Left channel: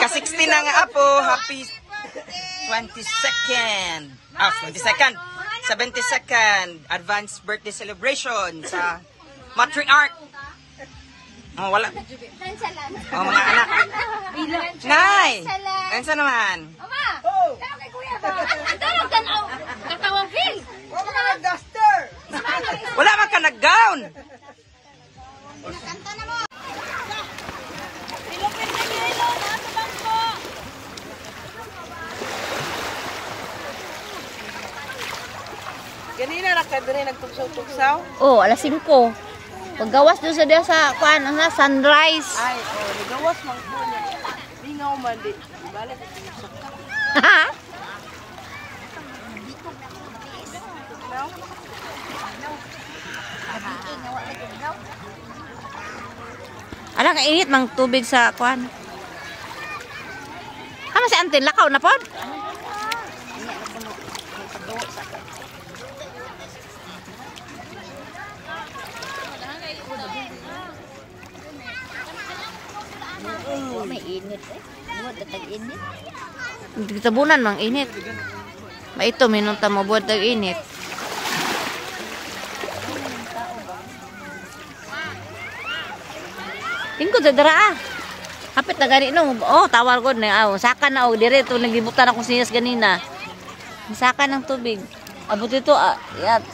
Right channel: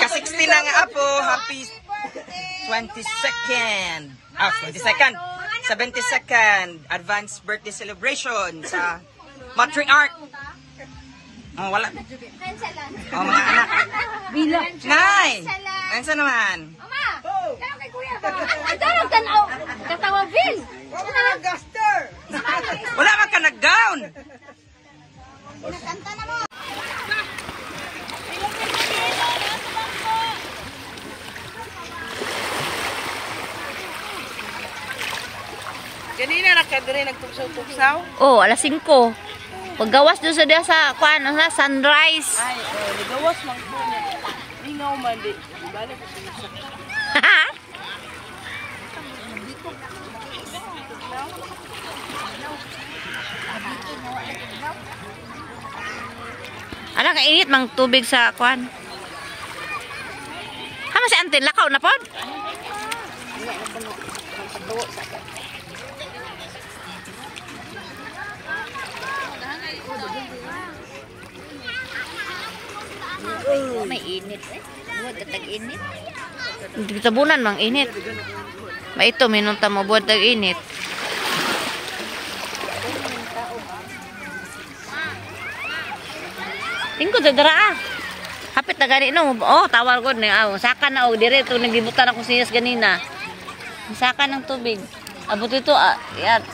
Ka-60 na nga apo. Happy 22nd. 22nd. 72nd. Advanced birthday celebration sa matriarch. Oh, wala. Oh, mga anak. Nay! Ayun sa naman. Wala ka nag-gown. Ganina na ka diri nagtugsaw-tugsaw? Oh, alas 5. Paggawas doon sa dia sa kuan, sunrise. Ay, gawas lang po niya. Lingaw man di. Bala ko Ala ka init mang tubig sa kuan. Hama si Antin lakaw na pod? May init eh. Buwag katag init. Tabunan mang init. Maito minunta mo buwad tag init. Tingko dara ah. Hapit na gani no. Oh, tawar ko na. Saka na og dire to nagibutan ako sinas ganina. Saka ng tubig. Abot ito ah. Yan.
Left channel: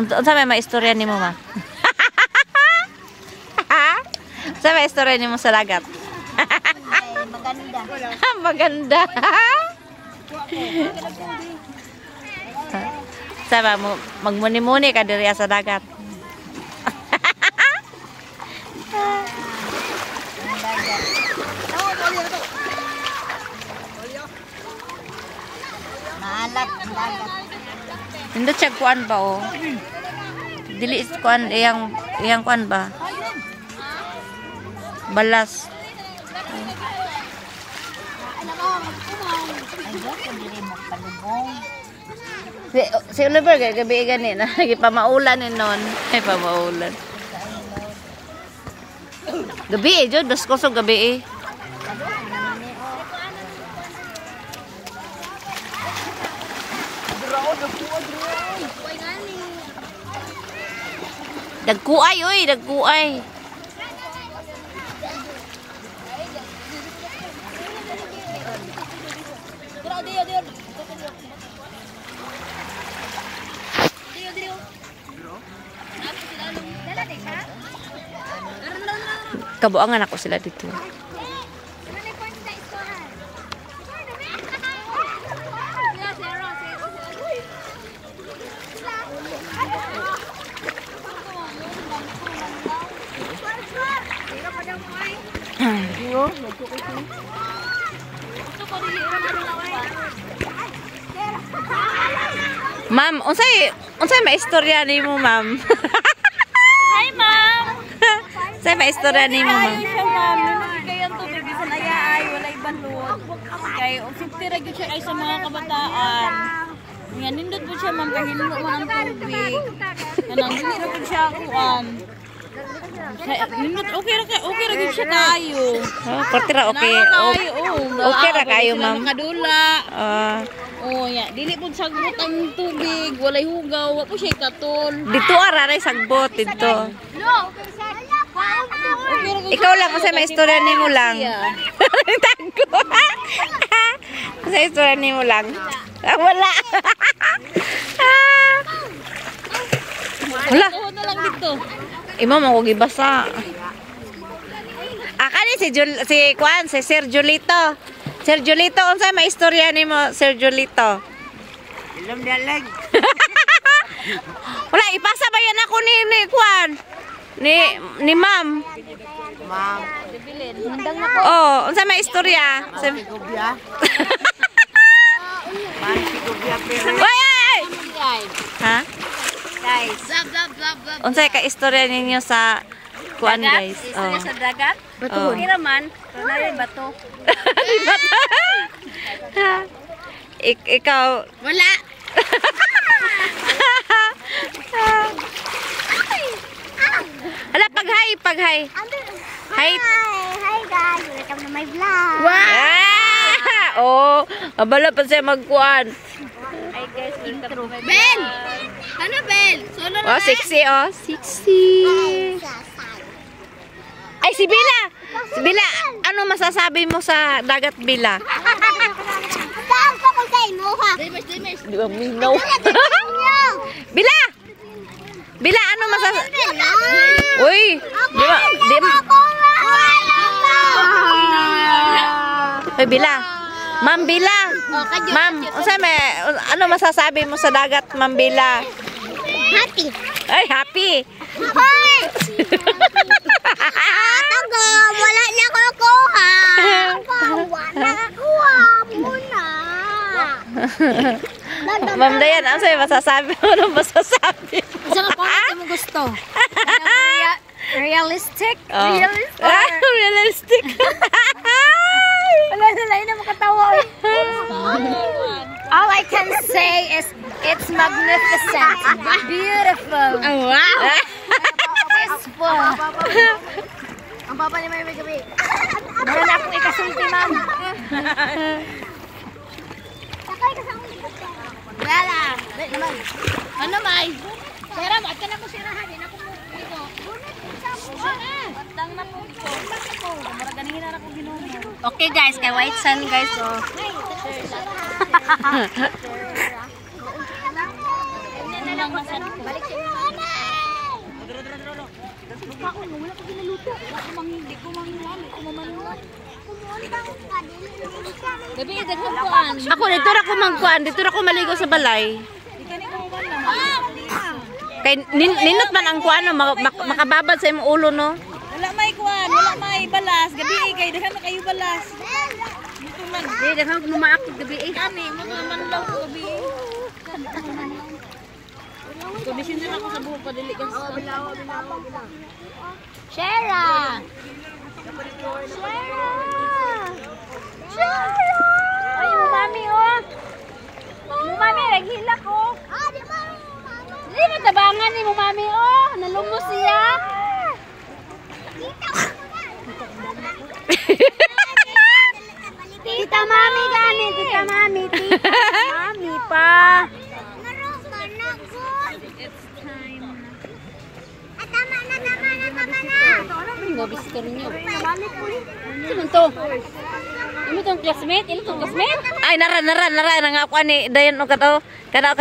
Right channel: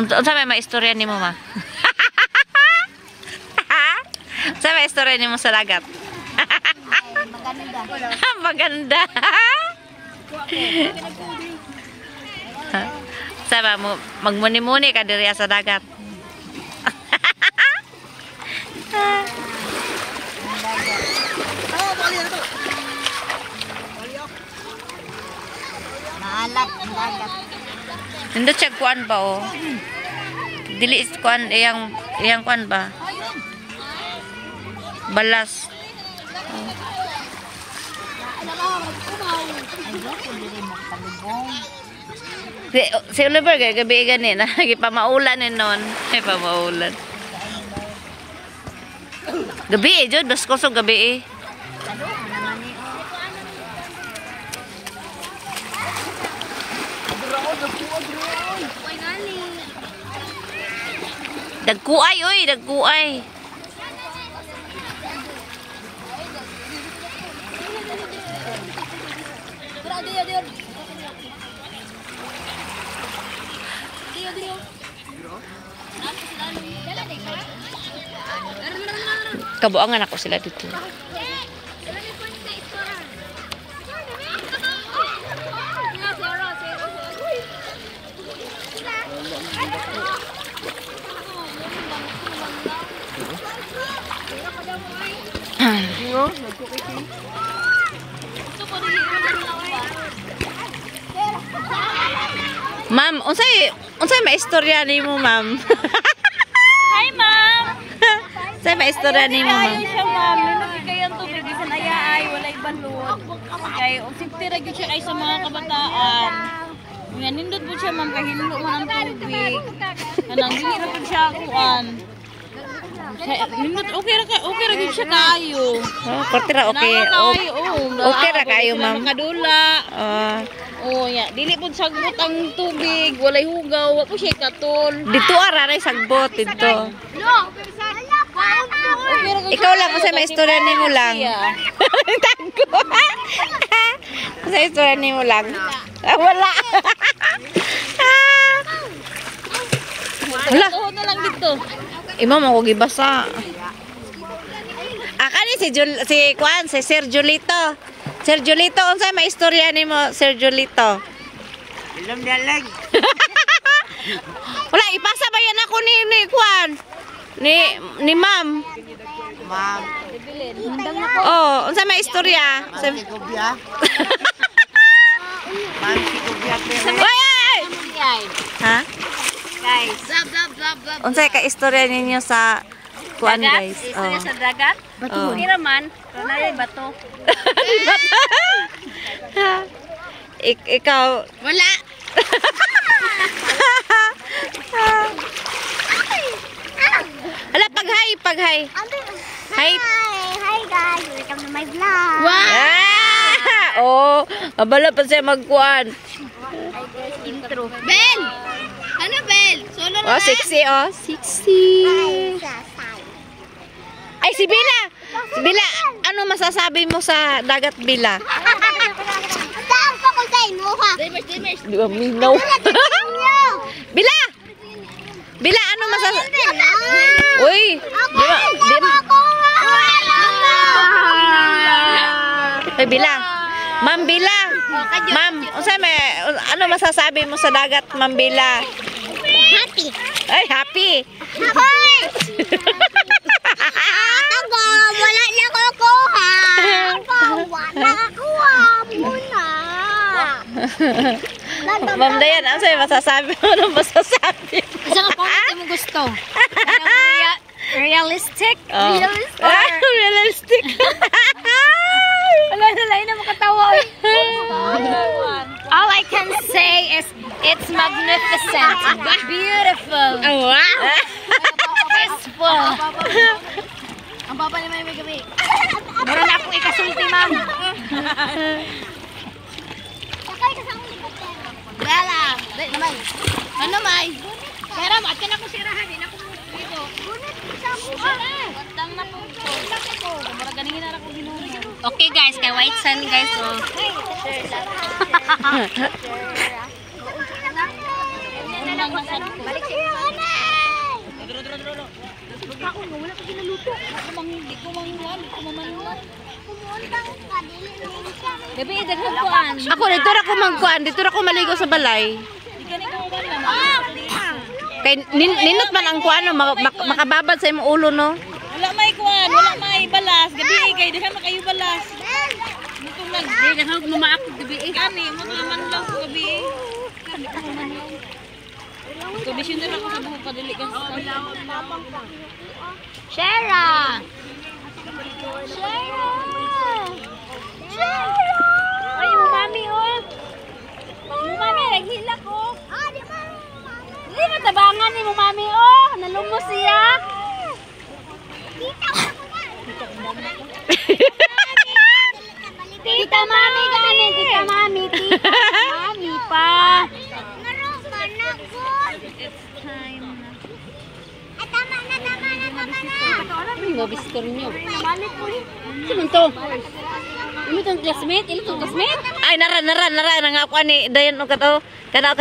Unsa may maistorya nimo ma? Sa may istorya nimo sa dagat? Maganda. Sama mo magmuni-muni ka diri sa dagat. Maalat ang dagat. Nindot siya kuan ba o? Dili kuan iyang kuan ba? Balas. Si Oliver gabi gani na gipamaulan ni non. Ay pamaulan. Gabi jud das kosog gabi eh. Dagkuay oy, dagkuay. Kabuangan ako sila dito. Ma'am, unsay maistorya nimo, ma'am? Hi, ma'am. Unsay maistorya nimo, ma'am? Ayo siya, ma'am. Nindot kay ang tubig bisan ayaay, walay balod. Kay safety ra gyud siya kay sa mga kabataan. Nga nindot po siya, ma'am, kay hinlo man ang tubig. Kanang dili ra pud siya kuan. Nindot okay ra gyud siya kayo. Oh, porti ra okay. Okay ra kayo, ma'am. Nakadula. Oh, ya, dili pud sagbot ang tubig, walay hugaw, wa po siya katol. Dito ara ray sagbot dito. Ikaw lang kasi may istorya nimo lang. Tagko. Kasi istorya nimo lang. Wala. Wala. Na lang dito. Imo mo ko gibasa. Kani si Juan, si Sir Julito. Sir Julito, unsa may istorya nimo, Sir Julito? Ilom dalag. Wala ipasa ba yan ako ni Juan? Ni Ma'am. Ma'am. Oh, unsa may istorya? Ma'am Sigubya. Ma'am Sigubya. Oy! Ha? Guys. Unsay ka istorya ninyo sa kuan guys. Gusto niya sa dagat? Oh. Hindi naman. Pero narin bato. Ikaw. Wala. Hala, pag-hi. Hi. Hi guys, welcome to my vlog. Oh, abala pa siya magkuan. Hi guys, intro. Bel! Ano Bel? Solo na Oh, sexy oh. Sexy. Ay, si Bila. Si Bila, ano masasabi mo sa dagat, Bila? Saan po ko sa ino ha? Di ba minaw? Bila! Bila, ano masasabi? Uy! Di ba? Ay, Bila. Ma'am Bila. Ma'am, ano masasabi mo sa dagat, Ma'am Bila? Happy. Ay, happy. Hoy! Tago, wala na kukuha. Wala kukuha muna. Ma'am Dayan, ano sa'yo masasabi mo? Ano masasabi mo? Isa ka comment mo gusto. Realistic? Oh. Realistic. Wala na lang na makatawa. All I can say is it's magnificent, beautiful, peaceful. Ang papa ni May gabi. Meron na akong ikasulti, ma'am. Okay, kasama ni Kote. Bella, wait naman. Ano may? Pero, at ka na ko sirahan, din ako mo dito. Matang na po ko. Mura ganingin na ako ginuno. Okay guys, kay White Sun guys, so. Unang nasad ko. Bebe, daghan ko an. Ako, dito ra ko magkuan. Dito ra ko maligo sa balay. Di ka ni ko wala. Kay ninot man ang kuan, no? Makababad sa imong ulo, no? Wala may kuan, wala may balas. Gabi kay daghan na kayo balas. Muto lang. Di daghan ko maak gabi. Kani mo to man lang ko gabi. Kani ko man lang. Kondisyon din ako sa buhok paduli kang Shara. Ay, mo mami oh. Mo mami naghila ko. Di ba? Hindi mo tabangan ni mo mami oh. Nalumos siya. Tita mami gani, tita mami, tita mami pa. Naroon ka na good. It's time na. Tama na. Mabisker niyo. Sino to? Ano tong classmate? Ano tong classmate? Ay, nara nga kuan ni Dayan o kato. Kana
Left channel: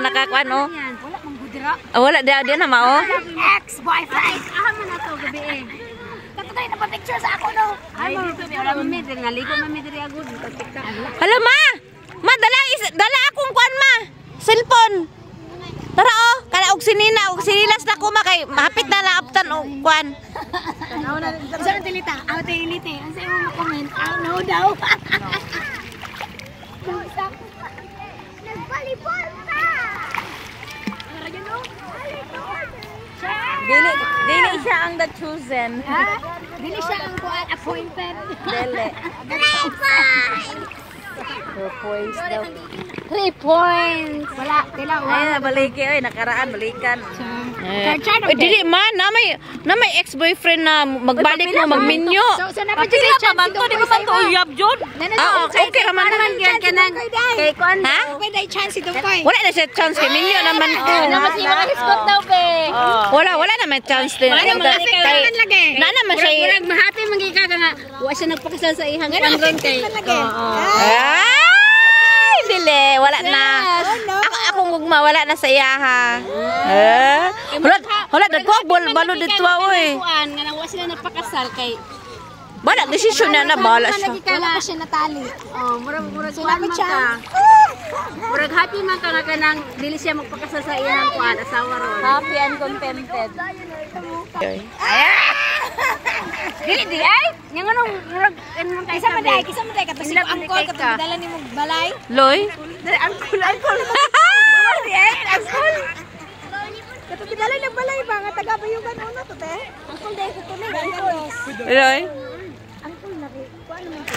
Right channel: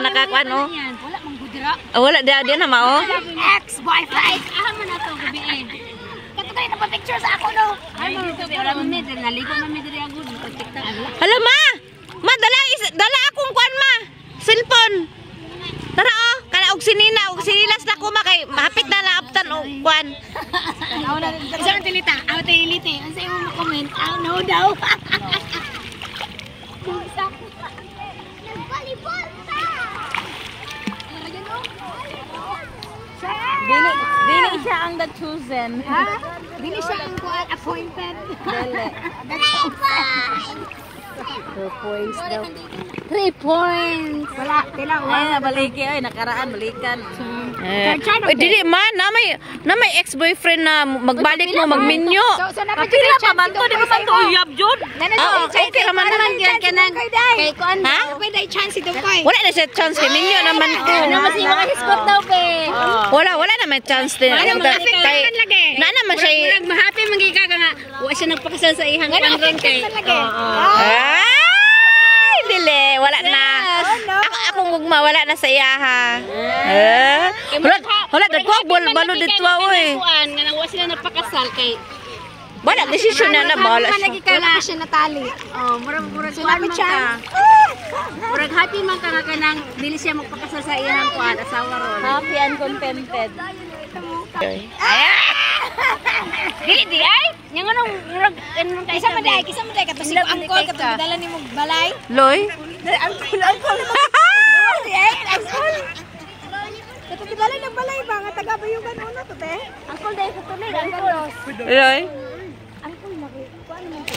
nakakuan o. Wala mang gudra. Wala dia na mao. Ex-boyfriend. Aha man na to gabi eh. Kato kayo na pa-picture sa ako no. Ay, dito wala man medyo naligo man medyo ako dito TikTok. Hala ma. Ma dala akong kuan ma. Cellphone. Tara oh, kana og sinilas na ko ma kay mahapit na laaptan og kuan. Isa ang tilita. Ako tilite. Ang sa'yo mo makomment. No daw. Dili siya ang the chosen. Ha? Dili siya ang appointed. Dili. The 2 points daw. 3 points. Wala. Wala. Baliki. Ay, nakaraan. Balikan. Uy, dili man na may ex-boyfriend na magbalik mo magminyo. So napagila pa man to. Di ba man to uyab, Jod? Okay raman na. Kay kuan. Ha? Pwede chance ito ko. Wala na siya chance kay minyo naman ko. Mas yung mga hiskot daw pe. Wala naman chance din. Wala naman kay. Na naman siya. Murag mahappy mangika ka nga. Wa siya nagpakasal sa ihang kuan ron kay. Ay, dili. Wala na. Akong gugma, wala na sa iyaha. Wala, dagwag, balo dito, oy. Nga nang wa sila nagpakasal kay. Wala, desisyon na bala siya. Wala pa siya natali. Oh, murag salamat siya. Murag happy man ka na kanang dili siya magpakasal sa iyang kuan asawa ron. Happy and contented. Di ay. Yang anong murag kaysa maday kapag sila ang call kapag dala nimo balay. Loy? Ang call. Gali ng balay ba? Nga taga ba yung gano'n na to, te? Angkol dahil sa tuloy. Angkol. Iloy? Angkol na rin. Kung ano man to?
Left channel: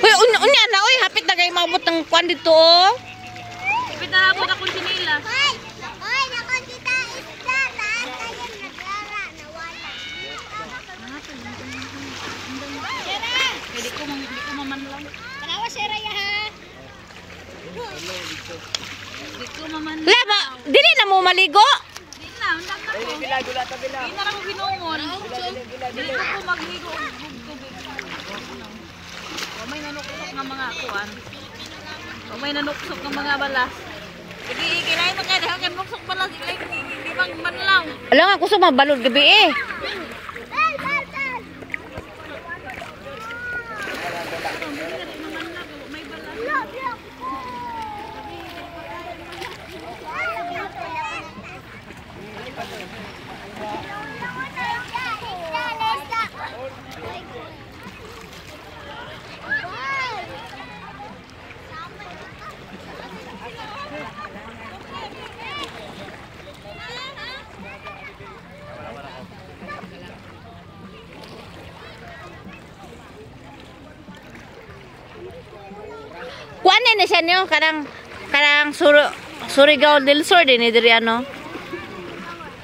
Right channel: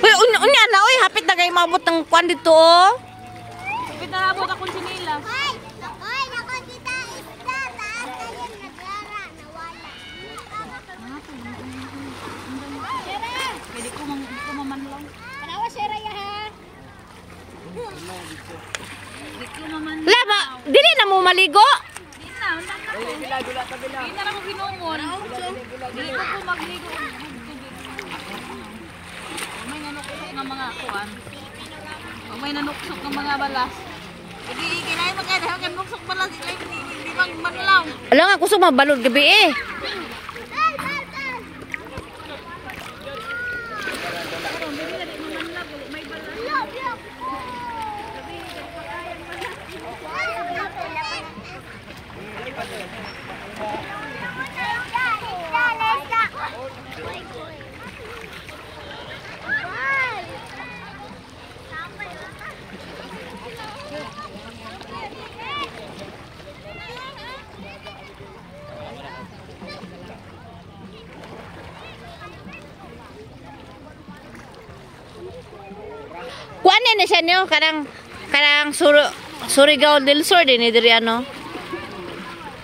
Uy, unya na, uy, hapit na kayo mabot ng kwan dito, oh. Kapit na nabot akong sinilas. Hindi ko mamanlaw. Panawa si Raya ha. Hindi ko mamanlaw. Laba, dili na mo maligo. Hindi na, handa na ko. Hindi na ako hinumon. Hindi ko magligo. May nanuksok ng mga kuwan. May nanuksok ng mga balas. Hindi, kailangan mo kaya kan nuksok balas. Hindi bang manlaw. Alam nga, gusto mabalod gabi eh. Kuan na siya niyo, karang Surigao del Sur din diri ano.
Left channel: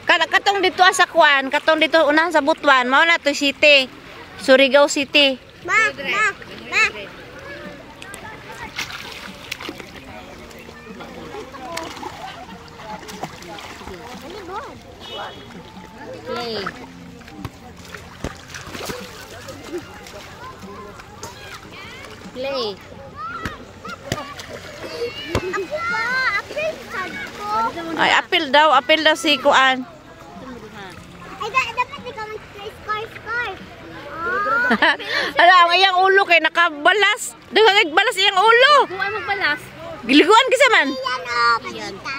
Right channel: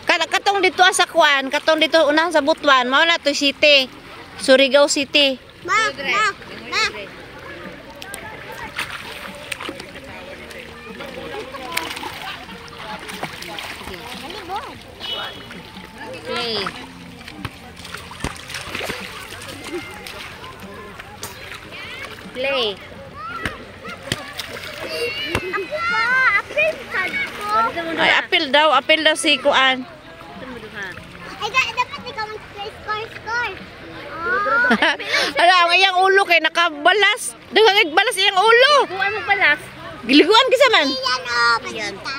Katong dito sa kuan, katong dito unahan sa Butuan, mao na to city. Surigao City. Play. Play. Ay, apil daw si Kuan. Ay, dapat ikaw mag-score. Ala, ang iyang ulo kay nakabalas. Daghang balas iyang ulo. Kuwan mo balas. Giliguan kasi man. Yan o, pagkita.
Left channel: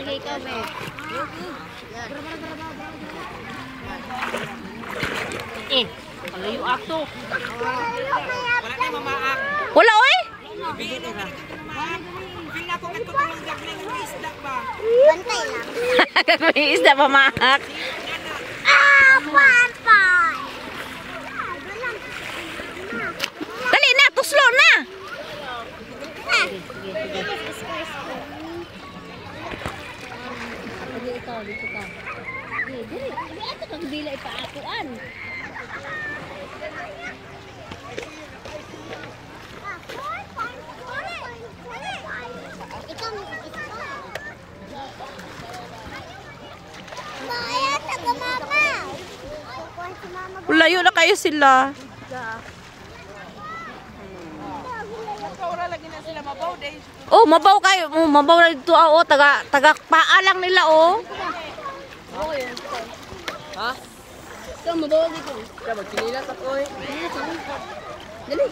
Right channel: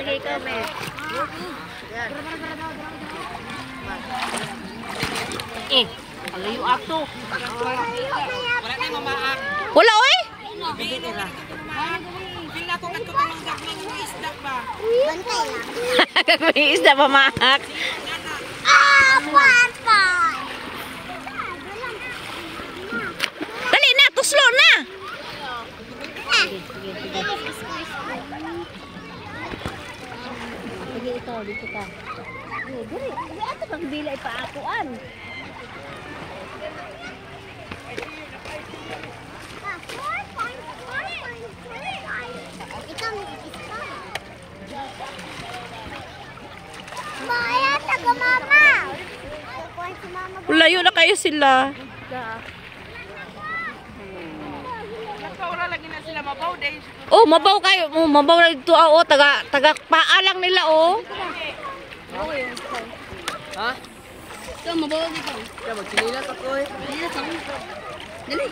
Sige, kami. Palayo ato. Wala oy. Bantay lang. May isda pa maak. Bantay. Dali na, tuslo na. Ito kang bila ipaakuan. Layo na kayo sila. Oh, mabaw kayo. Oh, mabaw na dito. Oh, taga paalang nila oh. Ha? Ikaw, mabawa dito. Ikaw, magkinilas ako eh. Dali.